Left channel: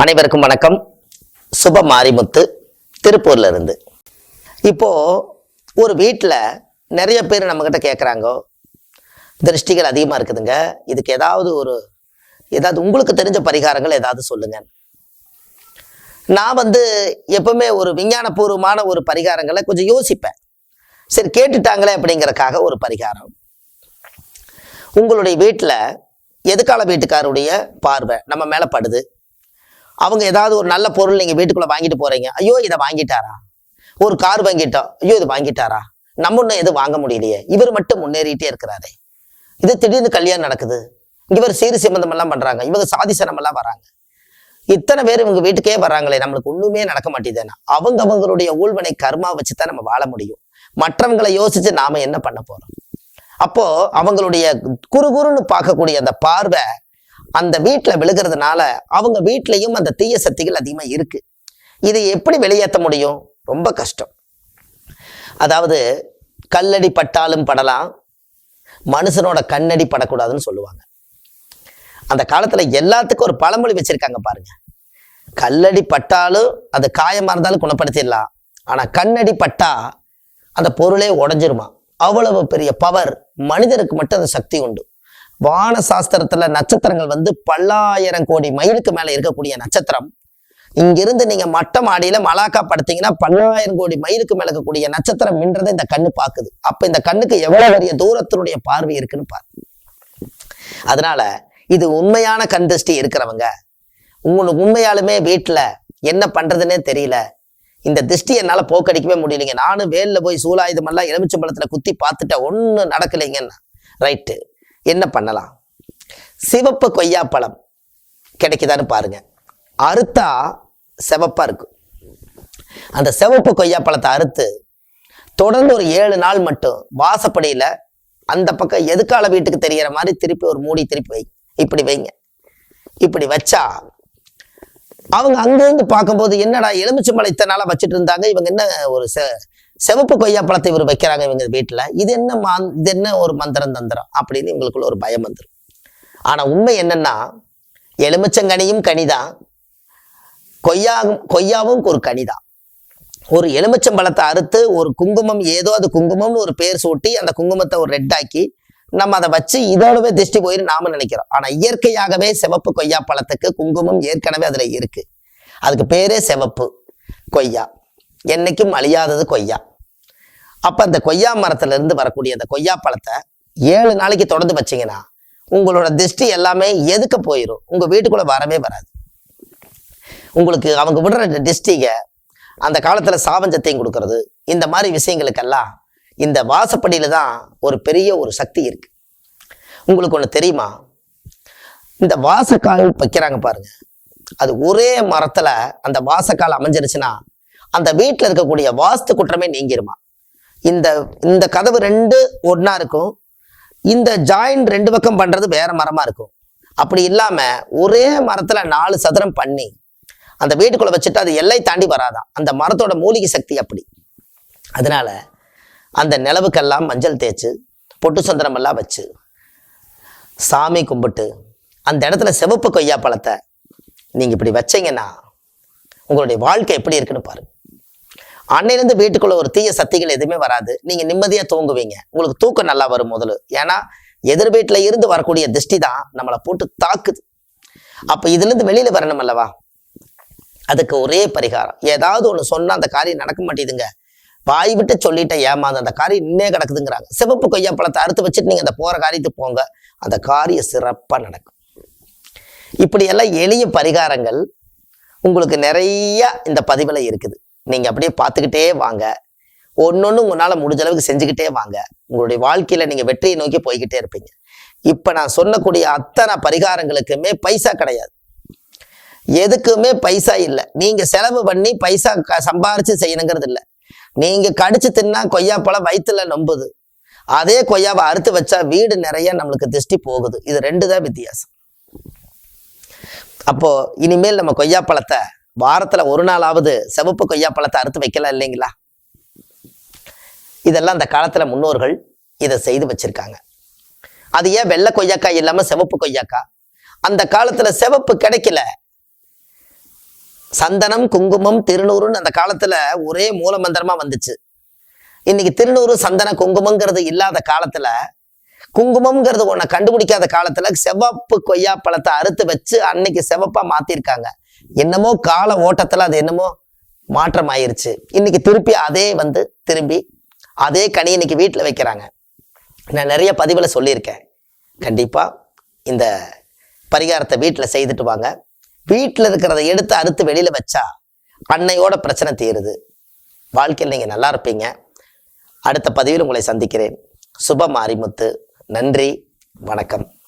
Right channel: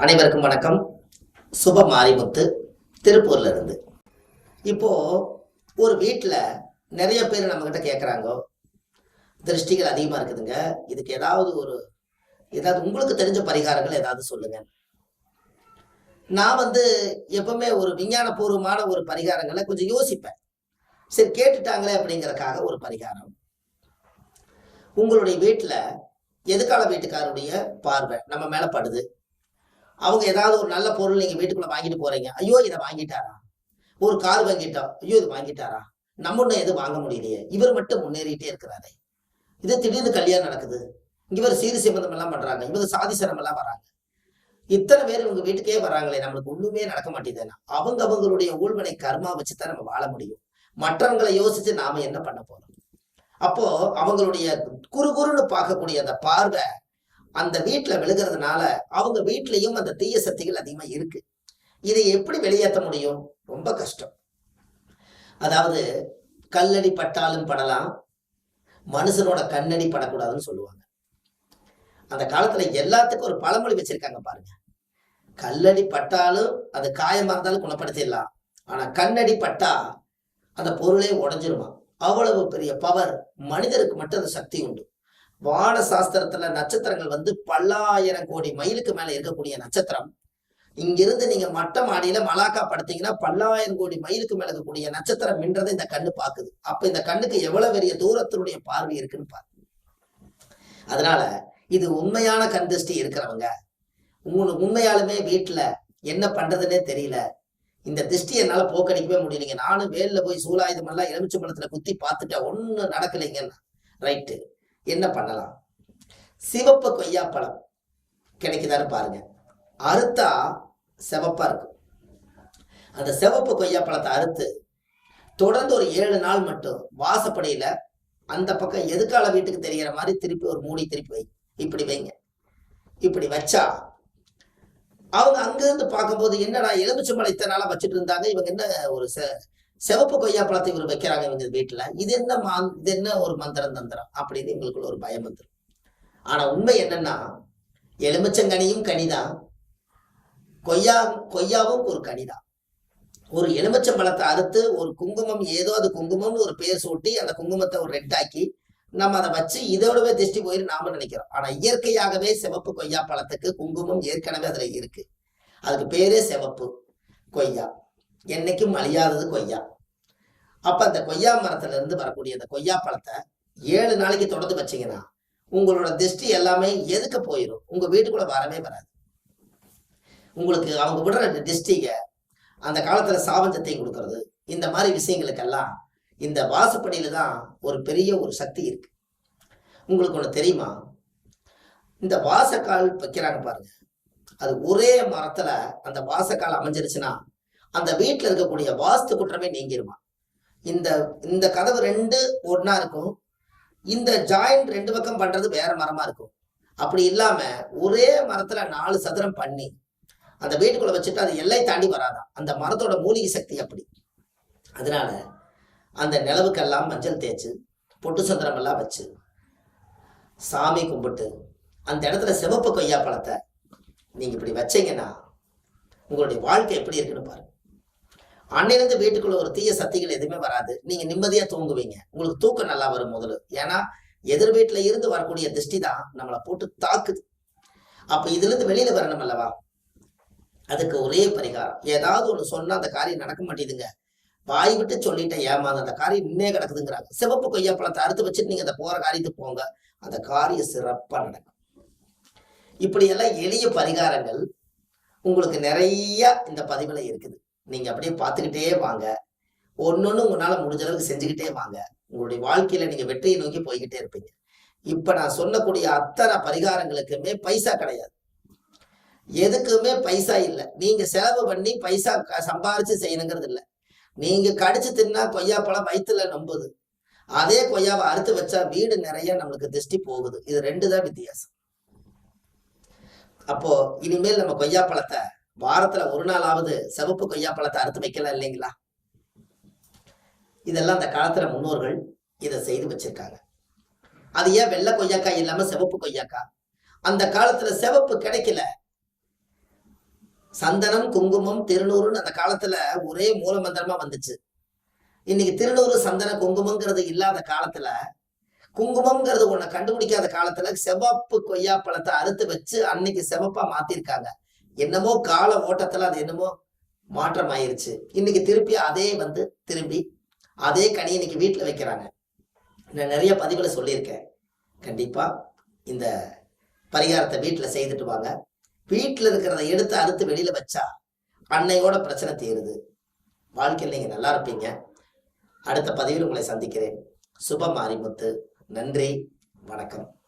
அனைவருக்கும் வணக்கம். சுப மாரிமுத்து திருப்பூர்ல இருந்து இப்போ ஒரு வீட்டில் நிறைய பேர் நம்மக்கிட்ட கேட்குறாங்க திருஷ்டிகள் அதிகமாக இருக்குதுங்க. இதுக்கு ஏதாவது ஒரு ஏதாவது உங்களுக்கு தெரிஞ்ச பரிகாரங்கள் ஏதாவது சொல்லுங்க. நான் வந்து எப்பவுமே ஒரு விஞ்ஞானபூர்வமான ஒரு பரிகாரங்களை கொஞ்சம் யோசிப்பேன். சரி கேட்டுட்டாங்களே அப்படிங்கிறக்காக ஒரு பரிகாரம். உங்களுடைய வீட்டில் எதுக்கால வீட்டுக்காருடைய பார்வை நம்ம மேலே படுது? அவங்க ஏதாவது ஒரு நல்ல பொருள் நீங்கள் வீட்டுக்குள்ளே வாங்கிட்டு போறீங்க. ஐயோ இதை வாங்கிட்டாரா? ஒரு கார் வாங்கிட்டோம் ஐயோ இது வாங்கிட்டாரா? நம்ம ஒன்றும் எதுவும் வாங்க முடியலையே. இவர் மட்டும் முன்னேறிட்டே இருக்கிறாரே. இது திடீர்னு கல்யாணம் நடக்குது. இவர் சீர் சம்பந்தம் எல்லாம் பண்றாங்க. இவங்க சாதிசனம் எல்லாம் வராங்க. இத்தனை பேர் இவங்க வீட்டுக்கே வர்றாங்களே நம்மளுக்கு ஒண்ணுமே நடக்க மாட்டேதுன்னா அவங்க அவங்களுடைய ஊழ்வனை கர்மா வச்சு தான் நம்ம வாழ முடியும். மற்றவங்களை யோசிச்சு நாம என்ன பண்ண போறோம்? அப்போ அவங்களுடைய குறுகுறுன்னு பார்க்கக்கூடிய அந்த பார்வை அந்த வீட்டில் விழுகிறதுனால அவங்க வீட்லையும் அந்த தீய சக்திகள் அதிகமாக இருக்கு. இதை எப்படி வெளியேற்ற முடியும்? ரொம்ப கஷ்டம். அதாவது கல்லடி பட்டாலும் படலாம் மனுஷனோட கண்ணடி படக்கூடாதுன்னு சொல்லுவாங்க. அந்த காலத்தில் எல்லாத்துக்கும் ஒரு பழமொழி வச்சிருக்காங்க பாருங்க. கல்லடி பட்டாலும் அது காயமாக இருந்தாலும் குணப்படுத்திடலாம். ஆனால் கண்ணடி பட்டா அந்த பொருளே உடஞ்சிருமா? அவ்வளவு பெரிய பவர் மனிதருக்கு மட்டும் அந்த சக்தி உண்டு. வான சாஸ்திரத்துல நட்சத்திரங்கள் வந்து பல்லாயிரம் கோடி மைலுக்கு மேல இருக்கக்கூடிய நட்சத்திரம். இங்கிருந்து நீங்க மட்ட மாடியில மலாக்கா படுத்தீங்கன்னா பல்லாயிரம் கோடி மைலுக்கு மேல இருக்கக்கூடிய நட்சத்திரம் மின்றதை இந்த கண்ணு பாக்குது அப்ப இந்த கண்ணுக்கு எவ்வளவு பெரிய தூரத்தினுடைய பார்வை இருக்குன்னு பாரு. அதனால இது உண்மையான கண் திருஷ்டி இருக்கிறவங்க உங்களுக்கு உண்மையாலுமே வீட்டுல என்ன பண்றதுன்னே தெரியல. இந்த திருஷ்டி என்னால போக்கடிக்கவே முடியலைங்க. நானும் வேலில் போய் சூலாயுதம் எல்லாம் எலுமிச்சம்பழத்துல குத்தி பார்த்துட்டேன். ஒன்றும் நடக்கலைங்கன்னா ரைட்டு. என்ன பண்ணலாம்? சிவப்பு கொய்யாப்பழம் கிடைக்குதான்னு பாருங்க. அறுத்தா சிவப்பா இருக்கும் அந்த சிவப்பு கொய்யாப்பழத்தை அறுத்து தொடர்ந்து ஒரு ஏழு நாள் மட்டும் வாசப்படியில் அந்த பக்கம் எதுக்கால வீட்டுக்கு தெரியற மாதிரி திருப்பி ஒரு மூடி திருப்பி வை. இப்படி வைங்க. இப்படி வச்சா அவங்க அங்கிருந்து பார்க்கும்போது என்னடா எலுமிச்சம்பழம் இத்தனை நாளாக வச்சுட்டு இருந்தாங்க இவங்க என்ன ஒரு சிவப்பு கொய்யா பழத்தை இவர் வைக்கிறாங்க இவங்க வீட்டில். இது என்ன மா இது என்ன ஒரு மந்திரம் தந்திரம்? அப்படின்னு இவங்களுக்குள்ள ஒரு பயம் வந்துடும் ஆனால் உண்மை என்னன்னா எலுமிச்சங்கனியும் கனிதான் கொய்யா கொய்யாவும் ஒரு கனிதான் ஒரு எலுமிச்சம்பழத்தை அறுத்து ஒரு குங்குமம் ஏதோ அது குங்குமம்னு ஒரு பேர் சூட்டி அந்த குங்குமத்தை ஒரு ரெட்டாக்கி நம்ம அதை வச்சு இதோடவே திருஷ்டி போயிரு நாம நினைக்கிறோம். ஆனா இயற்கையாகவே சிவப்பு கொய்யா பழத்துக்கு குங்குமம் ஏற்கனவே அதுல இருக்கு. அதுக்கு பேரே சிவப்பு கொய்யா. என்னைக்கும் அழியாதது கொய்யா. அப்போ அந்த கொய்யா மரத்துலேருந்து வரக்கூடிய அந்த கொய்யா பழத்தை ஏழு நாளைக்கு தொடர்ந்து வச்சீங்கன்னா உங்களோட திருஷ்டி எல்லாமே எதுக்க போயிடும் உங்கள் வீட்டுக்குள்ளே வரவே வராது. உங்களுக்கு அவங்க விடுற திருஷ்டிகை அந்த காலத்தில் சாபஞ்சத்தையும் கொடுக்கறது இந்த மாதிரி விஷயங்களுக்கெல்லாம் இந்த வாசப்படியில தான் ஒரு பெரிய ஒரு சக்தி இருக்கு. உங்களுக்கு ஒன்று தெரியுமா? இந்த வாசக்கால் வைக்கிறாங்க பாருங்க. அது ஒரே மரத்தில் அந்த வாசக்கால் அமைஞ்சிருச்சுன்னா அந்த வீட்டில் இருக்கக்கூடிய வாஸ்து குற்றமே நீங்கிருமா? இந்த இந்த கதவு ரெண்டு ஒன்னா இருக்கும். இந்த ஜாயின் ரெண்டு பக்கம் பண்றது வேற மரமா இருக்கும். அப்படி இல்லாம ஒரே மரத்துல நாலு சதுரம் பண்ணி அந்த வீட்டுக்குள்ள வச்சுட்டு அது எல்லை தாண்டி வராதான். அந்த மரத்தோட மூலிகை சக்தி அப்படி. அதனால அந்த நிலவுக்கெல்லாம் மஞ்சள் தேய்ச்சு பொட்டு சந்திரம் எல்லாம் வச்சு சாமி கும்பிட்டு அந்த இடத்துல சிவப்பு கொய்யா பழத்தை நீங்க இப்படி வச்சீங்கன்னா உங்களுடைய வாழ்க்கை எப்படி இருக்குன்னு பாருங்க. அன்னையிலேருந்து வீட்டுக்குள்ள ஒரு தீய சக்திகள் எதுவுமே வராது. நீங்க நிம்மதியா தூங்குவீங்க. உங்களுக்கு தூக்கம் நல்லா வரும் முதல்ல. ஏன்னா எதிர் வீட்டுல இருந்து வரக்கூடிய திருஷ்டி தான் நம்மளை போட்டு தாக்குது. அப்ப இதுல இருந்து வெளியில வரணும் அல்லவா? அதுக்கு ஒரே பரிகாரம். ஏதாவது ஒண்ணு சொன்னா அந்த காரியம் நடக்க மாட்டேதுங்க வாய் விட்டு சொல்லிட்ட ஏமாந்து அந்த காரியம் இன்னே கிடக்குதுங்கிறாங்க. சிவப்பு கொய்யா பழத்தை அறுத்து வச்சுட்டு நீங்க அந்த போற காரியத்துக்கு போங்க. அந்த காரியம் சிறப்பா நடக்கும். இப்படி எல்லாம் எளிய பரிகாரங்கள் உங்களுக்கு நிறைய இந்த பதிவில் இருக்குது. நீங்க அப்படியே பார்த்துக்கிட்டே வாங்க. ஒன்னொன்னு உங்களால முடிஞ்ச அளவுக்கு செஞ்சுக்கிட்டே வாங்க. உங்களுடைய வாழ்க்கையில நீங்க வெற்றியை நோக்கி போய்கிட்டே இருப்பீங்க. இப்ப நான் சொல்லக்கூடிய அத்தனை பரிகாரங்களுக்குமே பைசா கிடையாது. எதுக்குமே பைசா இல்லை. நீங்க செலவு பண்ணி பைசா க- சம்பாரிச்சு செய்யணுங்கிறது இல்லை. நீங்க கடிச்சு தின்னா கொய்யாப்பழம் வயிற்றுல நம்புது. அதே கொய்யாவை அறுத்து வச்சா வீடு நிறைய நம்மளுக்கு திருஷ்டி போகுது. இது ரெண்டு தான் வித்தியாசம். அப்போ இனிமேல் நம்ம கொய்யாப்பழத்தை வாரத்துல ஒரு நாளாவது சிவப்பு கொய்யாப்பழத்தை அறுத்து வைக்கலாம் இல்லைங்களா? இதெல்லாம் அந்த காலத்துல முன்னோர்கள் இதை செய்து வச்சிருக்காங்க. அது ஏன் வெள்ளை கொய்யாக்காய் இல்லாம சிவப்பு கொய்யாக்காய் அந்த காலத்துல செவப்பு கிடைக்கல. சந்தனம் குங்குமம் திருநூறுன்னு அந்த காலத்துல ஒரே மூலமந்திரமா வந்துச்சு. இன்னைக்கு திருநூறு சந்தன குங்குமங்கிறது இல்லாத காலத்துல குங்குமம்ங்கிறது ஒன்றை கண்டுபிடிக்காத காலத்துல செவப்பு கொய்யா பழத்தை அறுத்து வச்சு அன்னைக்கு செவப்பா மாத்திருக்காங்க. என்னமோ கால ஓட்டத்துல அது என்னமோ மாற்றம் ஆயிருச்சு இன்னைக்கு திருப்பி அதே வந்து திரும்பி அதே கனி இன்னைக்கு வீட்டில் வைக்கிறாங்க. நான் நிறைய பதிவில் சொல்லியிருக்கேன். கண்டிப்பாக இந்த பரிகாரத்தை வீட்டில் செய்துட்டு வாங்க. வீட்டில் இருக்கிறத எடுத்து அறுத்து வெளியில் வச்சா அன்னையோட பிரச்சனை தீருது. வாழ்க்கையில் நீங்கள் நல்லா இருப்பீங்க. அடுத்த பதிவில் உங்களை சந்திக்கிறேன். சுப மாரிமுத்து நன்றி வணக்கம்.